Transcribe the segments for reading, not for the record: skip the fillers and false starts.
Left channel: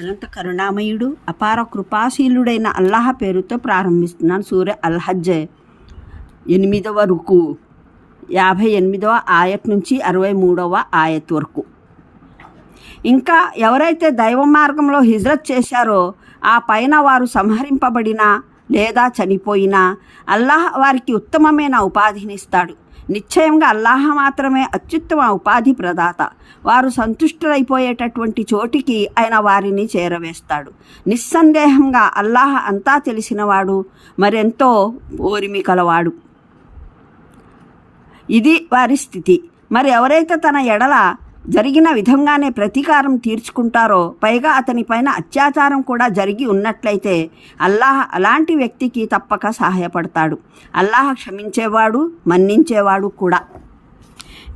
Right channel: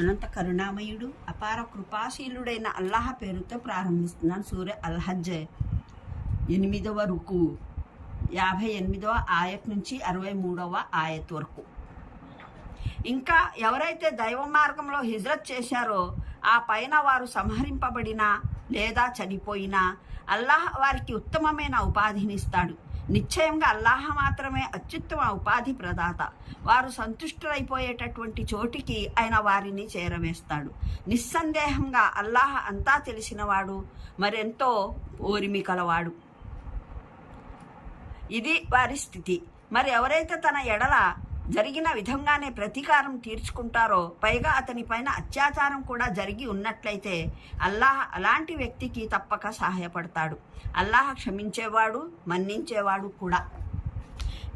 అనంత కరుణామయుడు అపార కృపాశీలుడైన అల్లాహ్ పేరుతో ప్రారంభిస్తున్నాను. సూర అల్-హజ్ 8వ రుకు 58వ ఆయత్ నుంచి 63వ ఆయత్ వరకు. ఇంకా ఎవరైతే దైవ మార్గంలో హిజ్రత్ చేశారో ఆ పైన వారు సంహరింపబడినా లేదా చనిపోయినా అల్లాహ్ వారికి ఉత్తమమైన ఉపాధినిస్తాడు. నిశ్చయంగా అల్లాహ్ మాత్రమే అత్యుత్తమ ఉపాధి ప్రదాత. వారు సంతుష్టులైపోయేటటువంటి చోటికి ఆయన వారిని చేరవేస్తాడు. నిస్సందేహంగా అల్లాహ్ అంతా తెలిసినవాడు, మరెంతో ఓరిమి కలవాడు. ఇది వారి స్థితి. మరి ఎవరైతే తన ఎడల జరిగిన విధంగానే ప్రతీకారం తీర్చుకుంటారో, పైగా అతనిపైన అత్యాచారం కూడా జరిగి ఉన్నట్లయితే అల్లాహ్ అలాంటి వ్యక్తికి తప్పక సహాయపడతాడు. అల్లాహ్ క్షమించేవాడు, మన్నించేవాడు కూడా.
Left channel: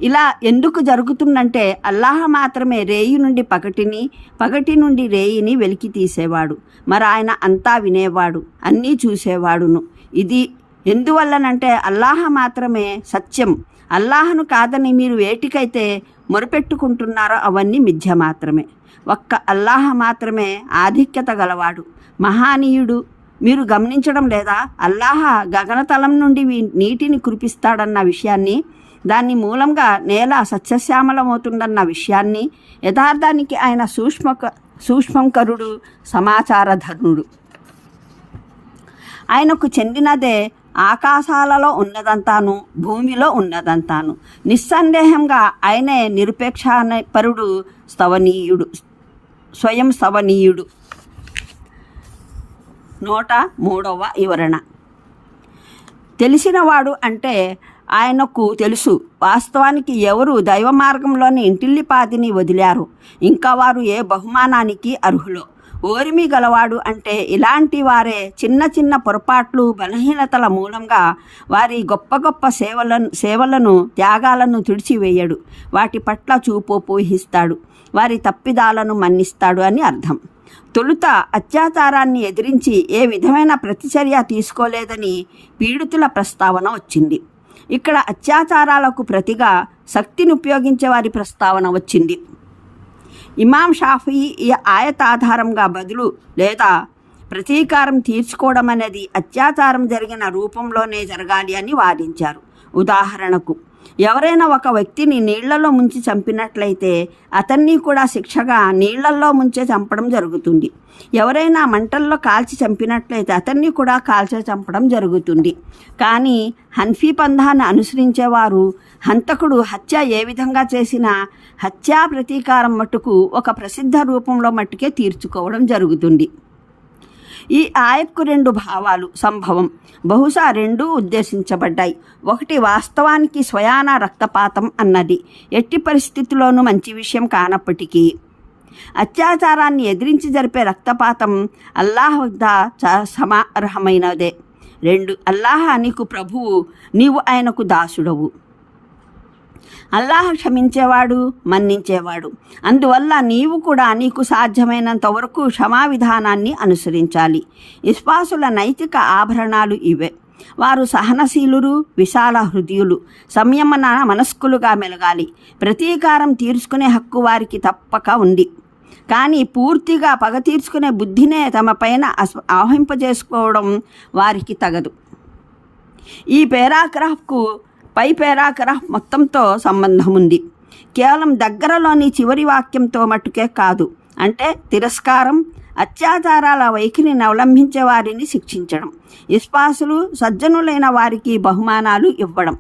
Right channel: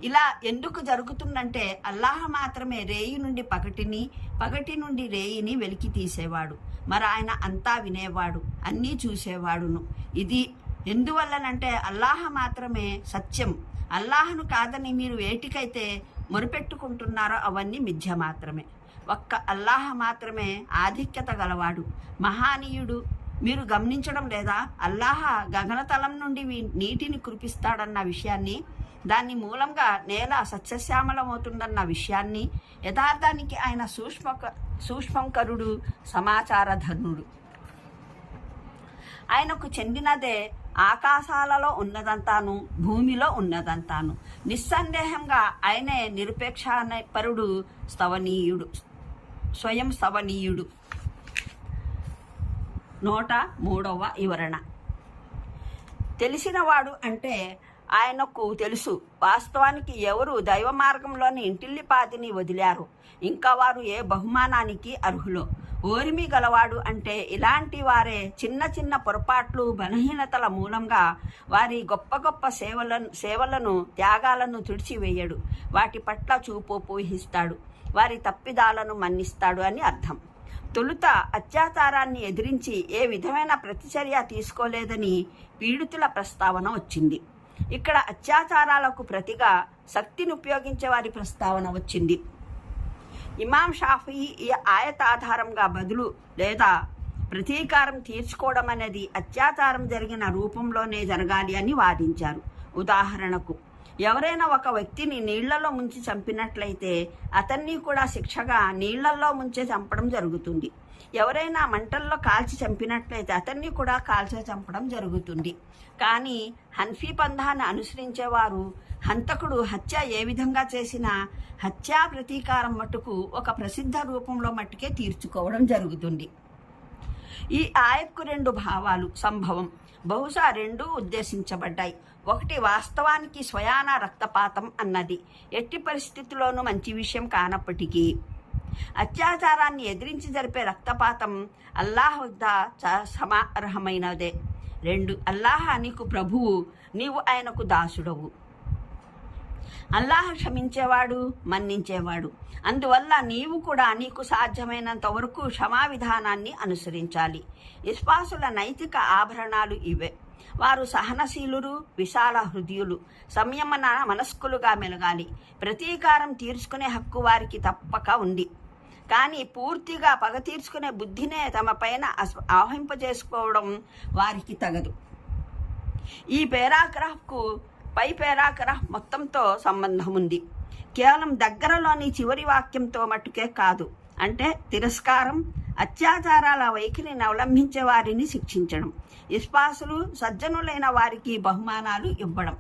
ఇలా ఎందుకు జరుగుతుందంటే అల్లాహ్ మాత్రమే రేయి నుండి పగటిని, పగటి నుండి రేయిని వెలికి తీసేవాడు. మరి ఆయన అంతా వినేవాడు, అన్నీ చూసేవాడును. ఇది ఎందువల్లనంటే అల్లాహ్ మాత్రమే సత్యం. అల్లాహ్ను కాదని మీరు వేటికైతే మొరుపెట్టుకుంటున్నారో అవన్నీ మిథ్య మాత్రమే. ఒక్క అల్లాహ్ మాత్రమే ఆధిక్యత గలవాడు, మహానీయుడు. మీరు గమనించడం లేదా? అల్లాహ్ గగనతలం నుండి నీటిని కురిపిస్తాడన్న విషయాన్ని, దాని మూలంగా నేల సస్యశ్యామలమవుతుందన్న విషయాన్ని, యథార్థానికి ఆయన సూక్ష్మంకరుడు, సమాచారధనుడు. ఆయనకు చెందినదే ఆకాశాలలో ఉన్నదంతాను, భూమిలో ఉన్నదంతాను. నిస్సందేహంగా ఆయనే నిరపేక్షపరుడు, స్తవనీయుడు, స్వయం స్తవనీయుడు. 103వ వివరణ. తెలిసినవాడు అంటే ఆయనకు తెలుసు వాస్తవానికి ఎవరు దైవ మార్గంలోని ఇంటిల్లిపాదిని వదిలారు, ఇంకా వారు ఏ బహుమానానికి అర్హులో. ఓరిమి గలవాడు అంటే ఇలాంటి వారే చిన్న చిన్న పొరపాట్లు, బలహీనతల మూలంగా వారి గొప్ప గొప్ప సేవలను త్యాగాలను తుడిచివేయడు. వాటి పట్ల చూపు పూహిస్తాడు, వారి తప్పిదాలను మన్నిస్తాడు అని అర్థం. తొలుత అత్యాచారాన్ని ఎదిరించి ఏ విధమైన ప్రతిచర్య తీసుకోలేదని పీడితుల ప్రస్తావన వచ్చింది. ఇక్కడ అత్యాచారాలకు ప్రతిగా శక్తిని ఉపయోగించే వారి ప్రస్తావన వచ్చింది. ఇమాం షాఫీ ఈ ఆయత ఆధారంగా బదులు లేదా ప్రతీకారం తీర్చుకోవడం అనేది అత్యాచారం జరిగిన రూపంలోనే జరగాలి అని వాదించారు. ఉదాహరణకు, ఎవరైనా ఒక వ్యక్తిని నీళ్లలో ముంచి చంపినట్లయితే అతన్ని కూడా శిక్షగా నీళ్లలో ముంచే చంపడం జరుగుతుంది. ఎవరైనా మంటల్లో కాల్చి చంపినట్లయితే అతన్ని కూడా కాల్చే చంపడం జరుగుతుంది. కానీ హన్ఫీ పంథాన్ని అనుసరించేవారు హంతకుడు హత్య ఏ విధంగా చేసినా హత్యా ప్రతీకారం మట్టుకు ఒక ప్రసిద్ధ రూపంలో మట్టుకే తీర్చుకోవడం జరుగుతుంది. ఈ ఆయత్కు 2 భావాలు సంభవం, బహుశా 2 ఉద్దేశించబడ్డాయి. ఒకటి వాస్తవానికి స్వయాన రక్తపాతం అన్నది ఎట్టి పరిస్థితుల్లోనూ మంచి విషయం కానప్పటికీ అత్యాచారాన్ని ఎదిరించి జరిపే రక్తపాతం అల్లాహ్ వద్ద సమార్హమైనదే. 2 అల్లాహ్ నీకు ప్రభువు, నీవు ఆయనకు దాసుడవు. అల్లాహ్ క్షమించేవాడు, మన్నించేవాడు. అందువల్ల నీవు కూడా నీకు సాధ్యమైనంత వరకు క్షమా విధానాన్ని అనుసరించాలి. విశ్వాసుల నైతిక ఆభరణాలు ఇవే. వారు సహనశీలురు, విశాల హృదయులు, సంయమన మనస్కులుగా మెలగాలి. ప్రతీకారం తీర్చుకునే హక్కు వారికి తప్పక ఉంది. కానీ పూర్తిగా పగ తీర్చుకునే బుద్ధినే తమ పైన ఆవహింపజేసుకోవడం వారికి తగదు. ఈ పేరాగ్రాఫ్కు పై పేరాగ్రాఫ్ మొత్తంతో సంబంధం ఉంది. కేవలం దగ్గరలోని చివరి వాక్యంతో మట్టుకే కాదు. అంటే తిరస్కారం, అత్యాచారాల వైఖరిని అవలంబించే వారిని శిక్షించడం, విశ్వాసులు సజ్జనులైన వారికి బహుమానాలు ఇవ్వడం,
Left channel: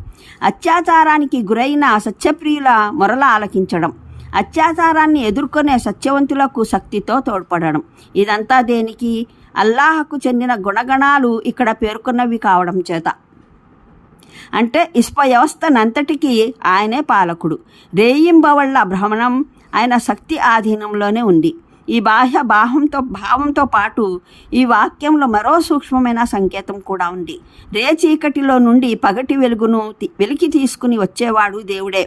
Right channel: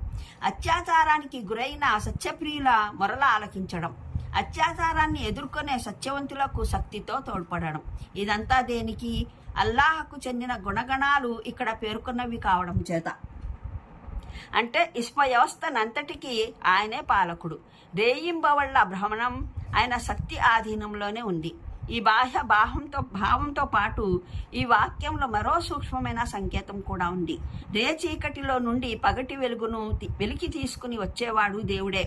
అత్యాచారానికి గురైన సత్యప్రియుల మొరల ఆలకించడం, అత్యాచారాన్ని ఎదుర్కొనే సత్యవంతులకు శక్తితో తోడ్పడడం. ఇదంతా దేనికి? అల్లాహకు చెందిన గుణగణాలు ఇక్కడ పేర్కొన్నవి కావడం చేత. అంటే వ్యవస్థనంతటికీ ఆయనే పాలకుడు. రేయింబవళ్ల భ్రమణం ఆయన శక్తి ఆధీనంలోనే ఉంది. ఈ బాహ్య భావంతో పాటు ఈ వాక్యంలో మరో సూక్ష్మమైన సంకేతం కూడా ఉంది. చీకటిలో నుండి పగటి వెలుగును వెలికి తీసుకుని వచ్చేవాడు దేవుడే.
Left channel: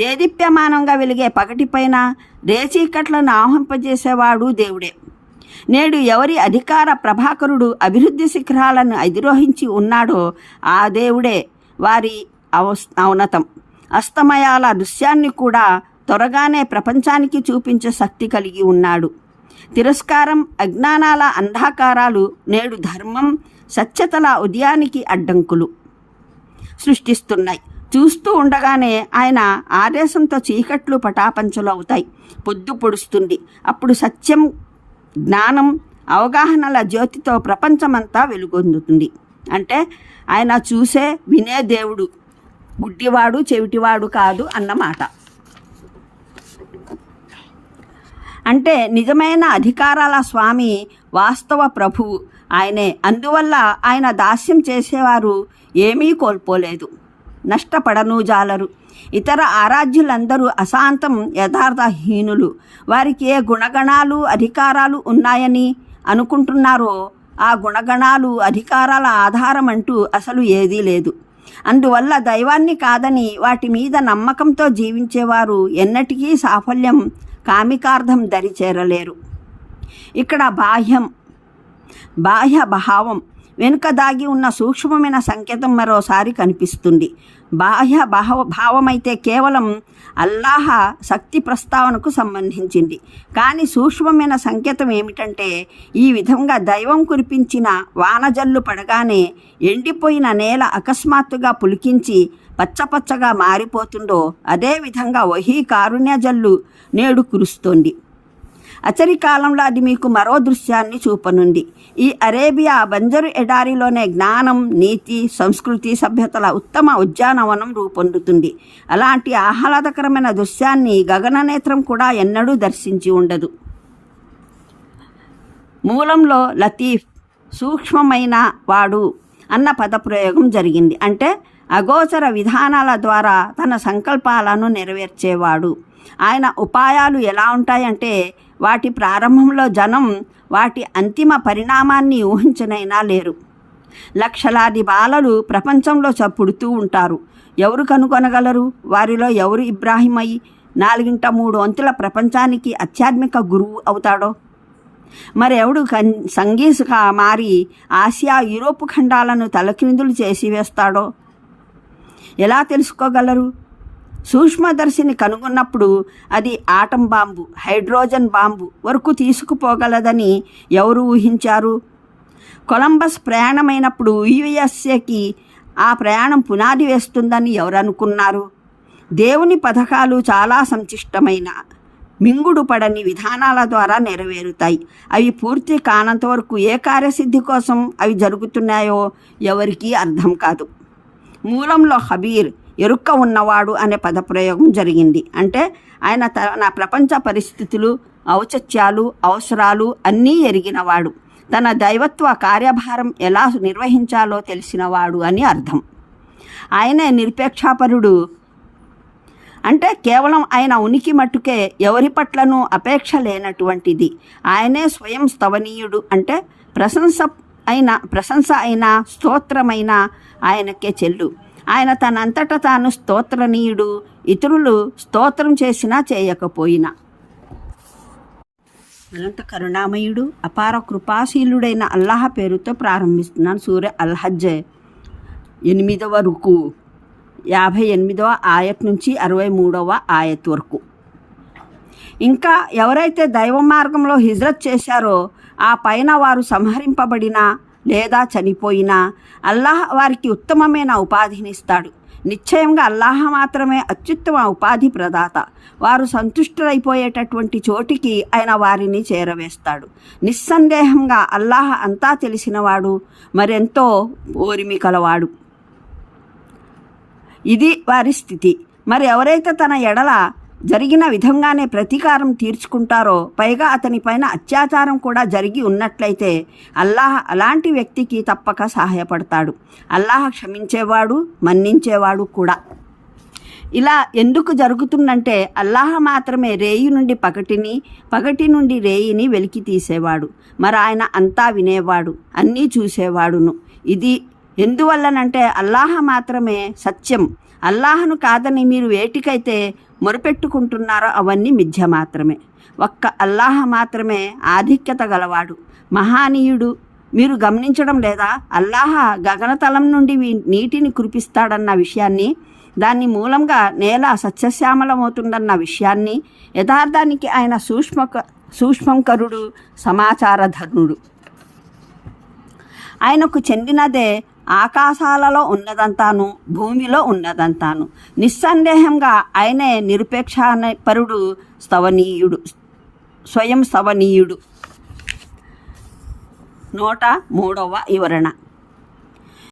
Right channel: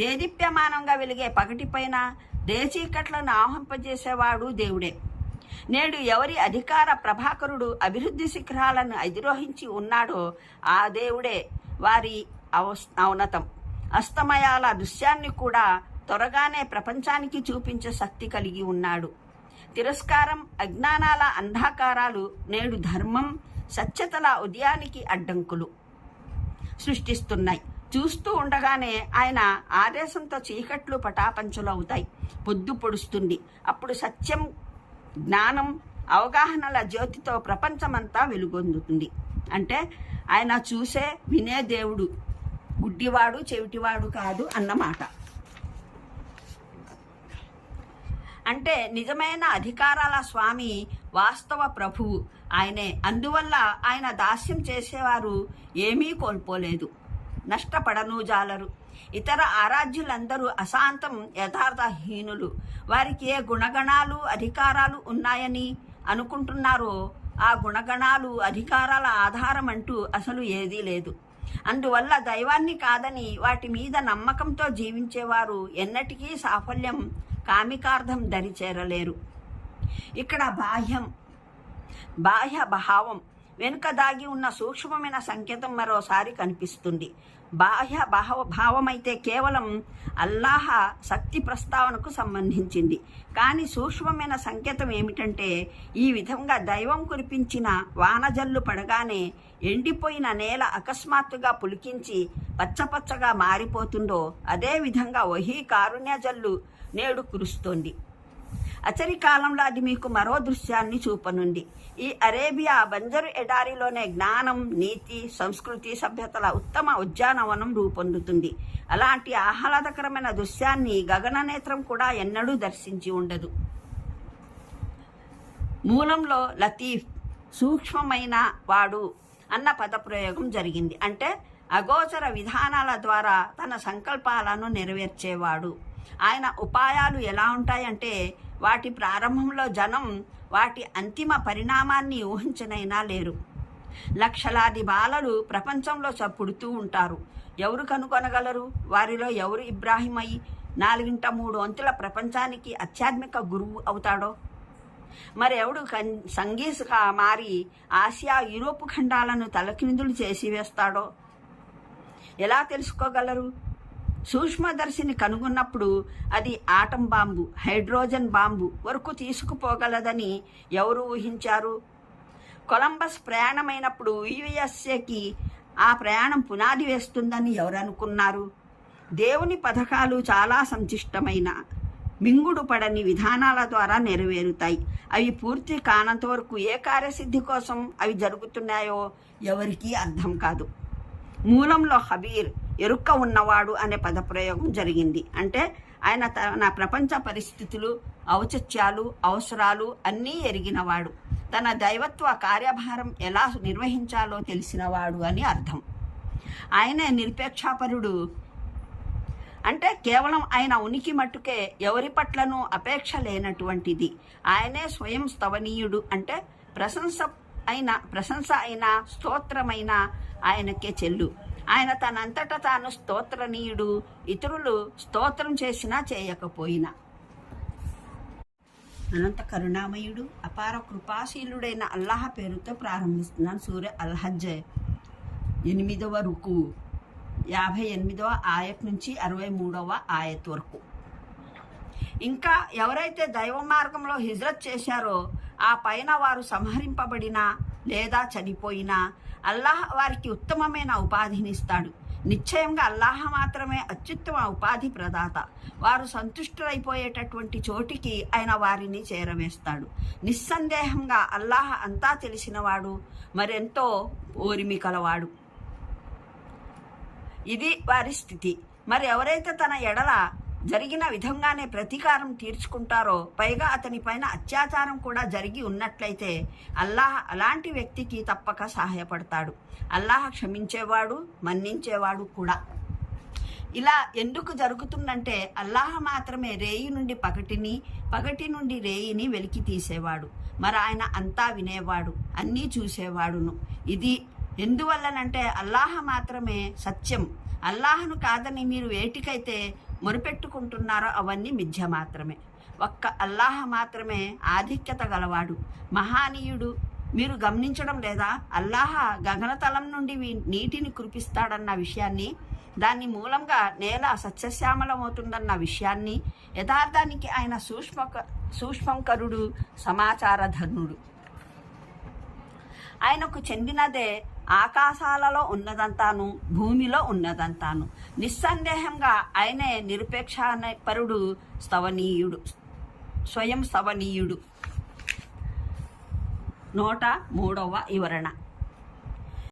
దేదీప్యమానంగా వెలిగే పగటిపైన చీకట్లను ఆవహింపజేసేవాడు దేవుడే. నేడు ఎవరి అధికార ప్రభాకరుడు అభివృద్ధి శిఖరాలను అధిరోహించి ఉన్నాడో ఆ దేవుడే వారి ఔన్నతం. అస్తమయాల దృశ్యాన్ని కూడా త్వరగానే ప్రపంచానికి చూపించే శక్తి కలిగి ఉన్నాడు. తిరస్కారం, అజ్ఞానాల అంధకారాలు నేడు ధర్మం, సత్యతల ఉదయానికి అడ్డంకులు సృష్టిస్తున్నాయి. చూస్తూ ఉండగానే ఆయన ఆదేశంతో చీకట్లు పటాపంచలు అవుతాయి. పొద్దు పొడుస్తుంది. అప్పుడు సత్యం, జ్ఞానం, అవగాహనల జ్యోతితో ప్రపంచమంతా వెలుగొందుతుంది. అంటే ఆయన చూసే, వినే దేవుడు, గుడ్డివాడు చెవిటివాడు కాదు అన్నమాట. అంటే నిజమైన అధికారాల స్వామి, వాస్తవ ప్రభువు ఆయనే. అందువల్ల ఆయన దాస్యం చేసేవారు ఏమీ కోల్పోలేదు, నష్టపడను జాలరు. ఇతర ఆరాధ్యులందరూ అశాంతం, యథార్థహీనులు. వారికి ఏ గుణగణాలు, అధికారాలు ఉన్నాయని అనుకుంటున్నారో ఆ గుణగణాలు, అధికారాల ఆధారం అంటూ అసలు ఏదీ లేదు. అందువల్ల దైవాన్ని కాదని వాటి మీద నమ్మకంతో జీవించేవారు ఎన్నటికీ సాఫల్యం, కామికార్థం దరిచేరలేరు. ఇక్కడ బాహ్య భావం వెనుక దాగి ఉన్న సూక్ష్మమైన సంకేతం మరోసారి కనిపిస్తుంది. బాహ్య భావమైతే కేవలం అల్లాహ శక్తి ప్రస్తావనకు సంబంధించింది. కానీ సూక్ష్మమైన సంకేతం ఏమిటంటే, ఈ విధంగా దైవం కురిపించిన వానజల్లు పడగానే ఎండిపోయిన నేల అకస్మాత్తుగా పులికించి పచ్చపచ్చగా మారిపోతుందో అదేవిధంగా వహీ కారుణ్య జల్లు నేడు కురుస్తోంది. అచరి కాలంలో అది మీకు మరో దృశ్యాన్ని చూపనుంది. ఈ అరేబియా బంజరు ఎడారిలోనే జ్ఞానం, నీతి, సంస్కృతి, సభ్యతల ఉత్తమ ఉద్యానవనం రూపొందుతుంది. అలాంటి ఆహ్లాదకరమైన దృశ్యాన్ని గగననేత్రం కూడా ఎన్నడూ దర్శించి ఉండదు. మూలంలో లతీఫ్, సూక్ష్మమైన వాడు అన్న పదప్రయోగం జరిగింది. అంటే అగోచర విధానాల ద్వారా తన సంకల్పాలను నెరవేర్చేవాడు. ఆయన ఉపాయాలు ఎలా ఉంటాయంటే, వాటి ప్రారంభంలో జనం వాటి అంతిమ పరిణామాన్ని ఊహించనైనా లేరు. లక్షలాది బాలలు ప్రపంచంలో పుడుతూ ఉంటారు. ఎవరు కనుగొనగలరు వారిలో ఎవరు ఇబ్రాహిమై 4/3 ప్రపంచానికి ఆధ్యాత్మిక గురువు అవుతాడో? మరెవడు సంగీసుగా మారి ఆసియా, యూరోపు ఖండాలను తలక్రిందులు చేసి వేస్తాడో ఎలా తెలుసుకోగలరు? సూక్ష్మదర్శిని కనుగొన్నప్పుడు అది ఆటం బాంబు, హైడ్రోజన్ బాంబు వరకు తీసుకుపోగలదని ఎవరు ఊహించారు? కొలంబస్ ప్రయాణమైనప్పుడు యుఎస్ఏకి ఆ ప్రయాణం పునాది వేస్తుందని ఎవరు అనుకున్నారు? దేవుని పథకాలు చాలా సంక్లిష్టమైన, మింగుడు పడని విధానాల ద్వారా నెరవేరుతాయి. అవి పూర్తి కానంత వరకు ఏ కార్యసిద్ధి కోసం అవి జరుగుతున్నాయో ఎవరికీ అర్థం కాదు. మూలంలో హబీర్, ఎరుక్క ఉన్నవాడు అనే పదప్రయోగం జరిగింది. అంటే ఆయన తన ప్రపంచ పరిస్థితులు, ఔచిత్యాలు, అవసరాలు అన్నీ ఎరిగినవాడు. తన దైవత్వ కార్యభారం ఎలా నిర్వహించాలో తెలిసినవాడు అని అర్థం. ఆయనే నిరపేక్షాపరుడు. అంటే కేవలం ఆయన ఉనికి మట్టుకే ఎవరి పట్లను అపేక్ష లేనటువంటిది. ఆయనే స్వయం స్తవనీయుడు. అంటే ప్రశంస అయిన స్తోత్రమైన ఆయనకే చెల్లు. ఆయన తనంతట తాను స్తోత్రనీయుడు, ఇతరులు స్తోత్రం చేసినా చేయకపోయినా. అనంత కరుణామయుడు, అపార కృపాశీలుడైన అల్లాహ్ పేరుతో ప్రారంభిస్తున్నాను. సూర అల్-హజ్ 8వ రుకు 58వ ఆయత్ నుంచి 63వ ఆయత్ వరకు. ఇంకా ఎవరైతే దైవ మార్గంలో హిజ్రత్ చేశారో ఆ పైన వారు సంహరింపబడినా లేదా చనిపోయినా అల్లాహ్ వారికి ఉత్తమమైన ఉపాధినిస్తాడు. నిశ్చయంగా అల్లాహ్ మాత్రమే అత్యుత్తమ ఉపాధి ప్రదాత. వారు సంతుష్టులైపోయేటటువంటి చోటికి ఆయన వారిని చేరవేస్తాడు. నిస్సందేహంగా అల్లాహ్ అంతా తెలిసినవాడు, మరెంతో ఓరిమి కలవాడు. ఇది వారి స్థితి. మరి ఎవరైతే తన ఎడల జరిగిన విధంగానే ప్రతీకారం తీర్చుకుంటారో, పైగా అతని పైన అత్యాచారం కూడా జరిగి ఉన్నట్లయితే అల్లాహ్ అలాంటి వ్యక్తికి తప్పక సహాయపడతాడు. అల్లాహ్ క్షమించేవాడు, మన్నించేవాడు కూడా. ఇలా ఎందుకు జరుగుతుందంటే, అల్లాహ్ మాత్రమే రేయి నుండి పగటిని, పగటి నుండి రేయిని వెలికి తీసేవాడు. మరి ఆయన అంతా వినేవాడు, అన్నీ చూసేవాడును. ఇది ఎందువల్లనంటే అల్లాహ్ మాత్రమే సత్యం. అల్లాహ్ను కాదని మీరు వేటికైతే మొరుపెట్టుకుంటున్నారో అవన్నీ మిథ్య మాత్రమే. ఒక్క అల్లాహ్ మాత్రమే ఆధిక్యత గలవాడు, మహానీయుడు. మీరు గమనించడం లేదా? అల్లాహ్ గగనతలం నుండి నీటిని కురిపిస్తాడన్న విషయాన్ని, దాని మూలంగా నేల సస్యశ్యామలమవుతుందన్న విషయాన్ని, యథార్థానికి ఆయన సూక్ష్మంకరుడు, సమాచారధనుడు. ఆయనకు చెందినదే ఆకాశాలలో ఉన్నదంతాను, భూమిలో ఉన్నదంతాను. నిస్సందేహంగా ఆయనే నిరపేక్షపరుడు, స్తవనీయుడు, స్వయం స్తవనీయుడు. 103వ వివరణ.